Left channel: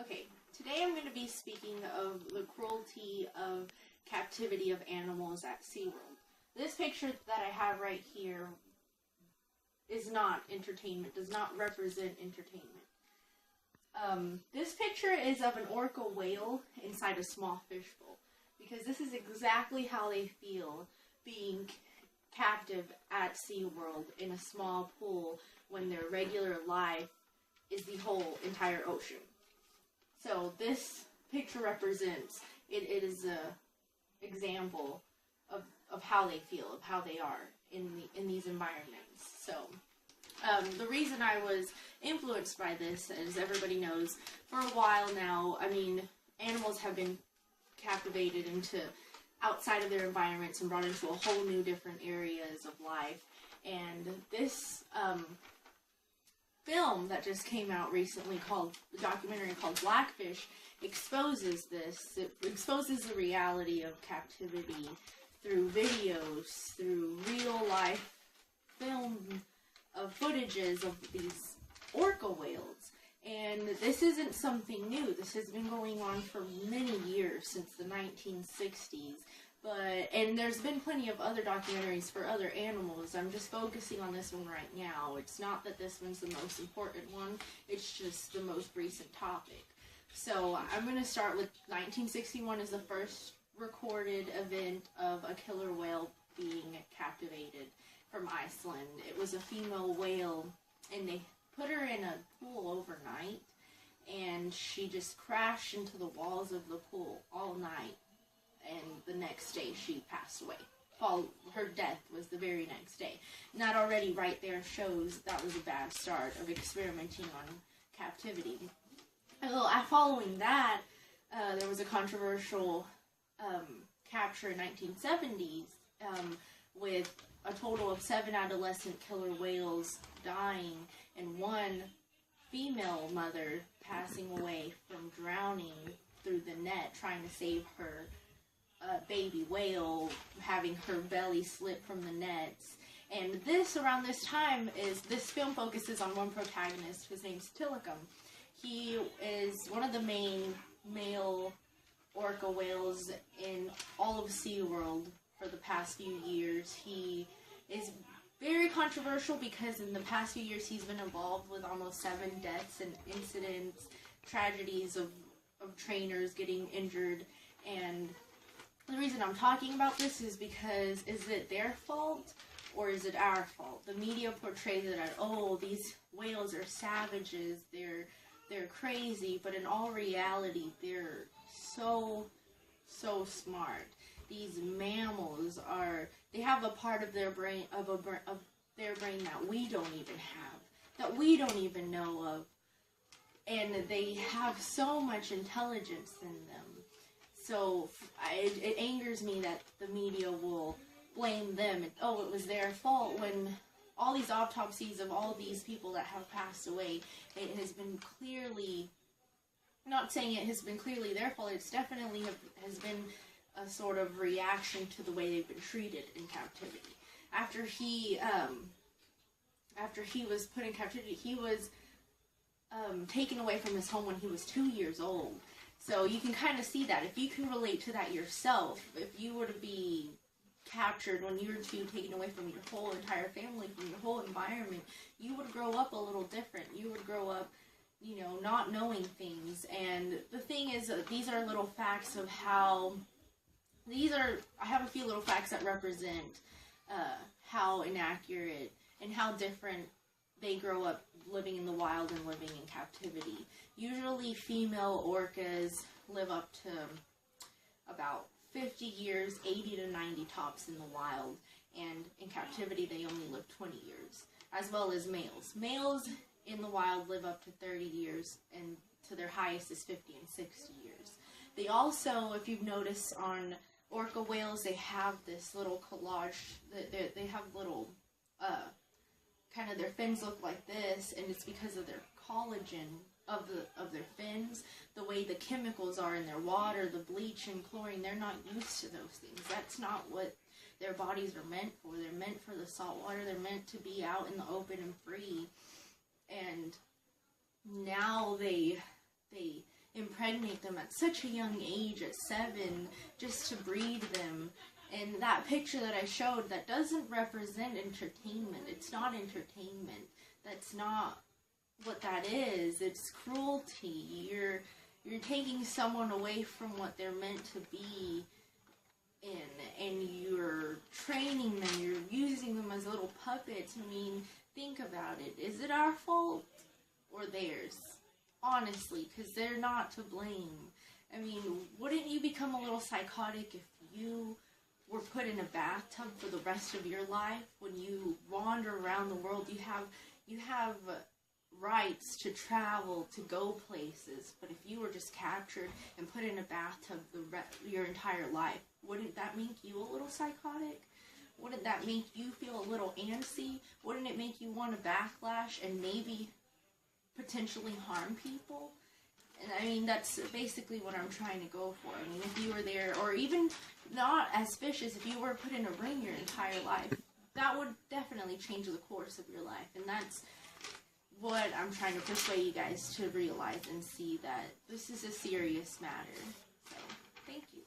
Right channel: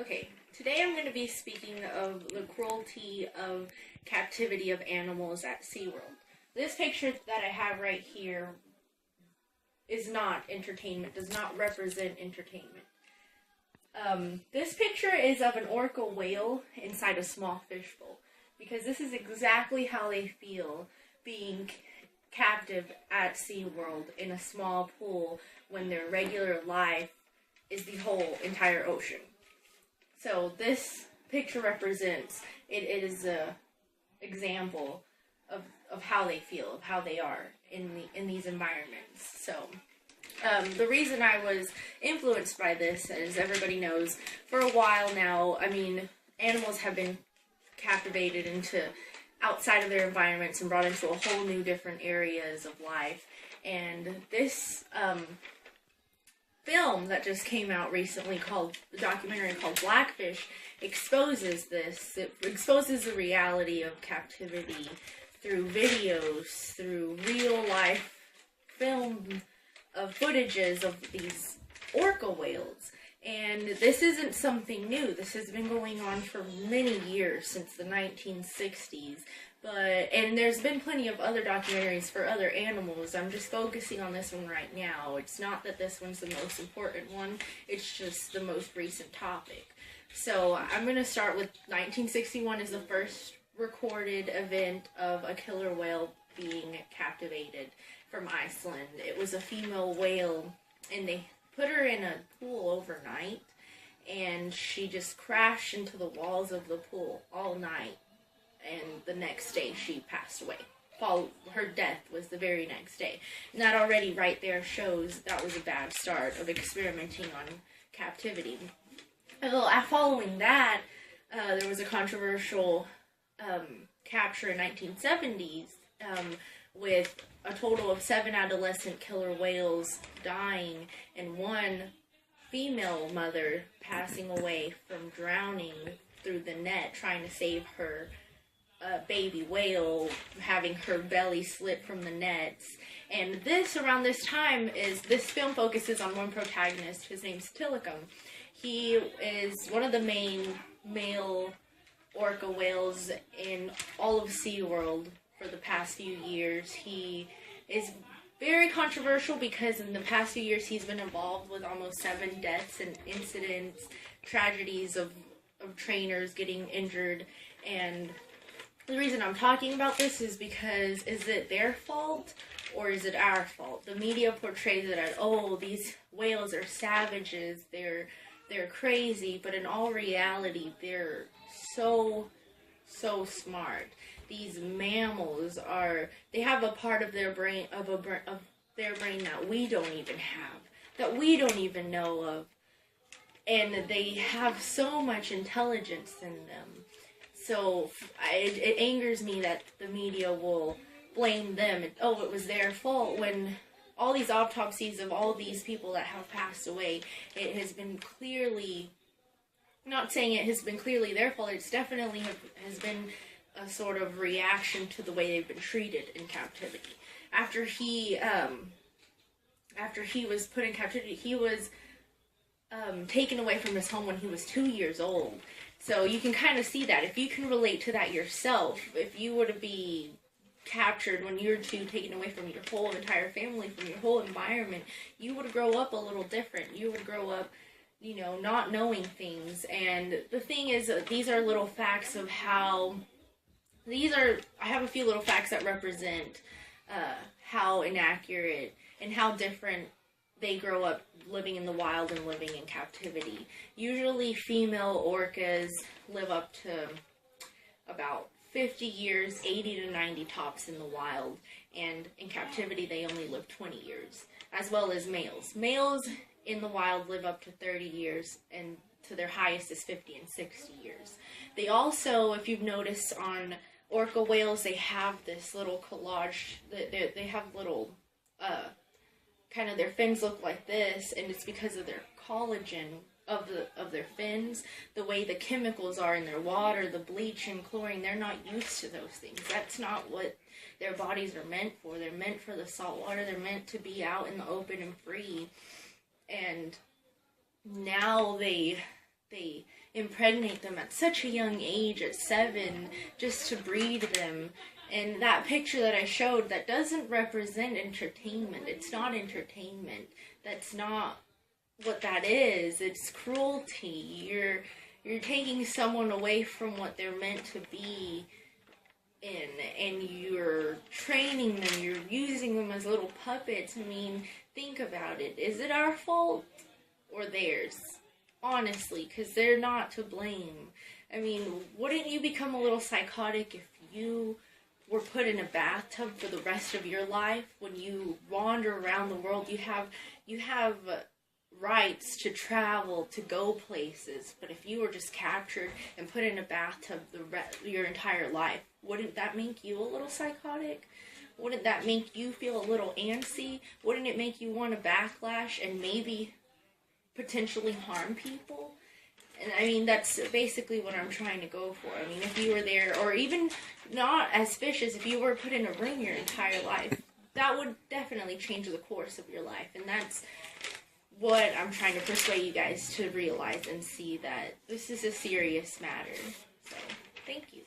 Okay, today I'm going to be speaking of the cruelty of captivity of animals at SeaWorld. This picture that I have right here is not entertainment, does not represent entertainment. This picture is of an orca whale inside a small fishbowl, because this is exactly how they feel being captive at SeaWorld in a small pool when their regular life is the whole entire ocean. So this picture represents, it is a example of how they feel, of how they are in these environments. So the reason I was influenced by this, as everybody knows, for a while now, I mean, animals have been captivated into outside of their environments and brought into a whole new different areas of life. And this film that just came out recently, called the documentary called Blackfish, exposes this. It exposes the reality of captivity through videos, through real life film of footages of these orca whales. And this isn't something new. This has been going on for many years, since the 1960s. And there's been plenty of other documentaries for other animals. I'm just focusing on this one right now. It's not that this one's the most important one, it's just the most recent topic. So I'm going to start with 1961 is the first recorded event of a killer whale being captivated from Iceland. It was a female whale, and they put her in a pool overnight, and she just crashed into the walls of the pool all night. And the next day she passed away. Her death was the very next day. And that already right there shows that was a bad start of experimenting on captivity. Following that, there was a controversial capture in 1970s with a total of 7 adolescent killer whales dying and one female mother passing away from drowning through the net trying to save her baby whale, having her belly slip from the nets. And around this time, this film focuses on one protagonist. His name's Tilikum. He is one of the main male orca whales in all of SeaWorld for the past few years. He is very controversial because in the past few years he's been involved with almost 7 deaths and incidents, tragedies of trainers getting injured. And the reason I'm talking about this is because, is it their fault or is it our fault? The media portrays it as, oh, these whales are savages, they're crazy, but in all reality, they're so smart. These mammals they have a part of their brain, that we don't even have, that we don't even know of, and they have so much intelligence in them. So it angers me that the media will blame them. It was their fault, when all these autopsies of all these people that have passed away, it has been clearly, not saying it has been clearly their fault, it's definitely has been a sort of reaction to the way they've been treated in captivity. After he was put in captivity, he was taken away from his home when he was 2 years old. So you can kind of see that. If you can relate to that yourself, if you were to be captured when you were taken away from your whole entire family, from your whole environment, you would grow up a little different. You would grow up, not knowing things. And the thing is, these are little facts of how, I have a few little facts that represent how inaccurate and how different they grow up living in the wild and living in captivity. Usually female orcas live up to about 50 years, 80 to 90 tops in the wild, and in captivity they only live 20 years, as well as males. Males in the wild live up to 30 years, and to their highest is 50 and 60 years. They also, if you've noticed on orca whales, they have this little collage, they have little kind of, their fins look like this, and it's because of their collagen of their fins, the way the chemicals are in their water, the bleach and chlorine. They're not used to those things. That's not what their bodies are meant for. They're meant for the salt water. They're meant to be out in the open and free. And now they impregnate them at such a young age, at 7, just to breed them. And that picture that I showed, that doesn't represent entertainment. It's not entertainment. That's not what that is. It's cruelty. You're taking someone away from what they're meant to be in, and you're training them, you're using them as little puppets. I mean, think about it. Is it our fault or theirs? Honestly, because they're not to blame. I mean, wouldn't you become a little psychotic if you were put in a bathtub for the rest of your life? When you wander around the world, you have rights to travel, to go places. But if you were just captured and put in a bathtub your entire life, wouldn't that make you a little psychotic? Wouldn't that make you feel a little antsy? Wouldn't it make you want to backlash and maybe potentially harm people? And I mean, that's basically what I'm trying to go for. I mean, if you were there, or even not as vicious, if you were put in a ring your entire life, that would definitely change the course of your life. And that's what I'm trying to persuade you guys to realize and see, that this is a serious matter. So, thank you.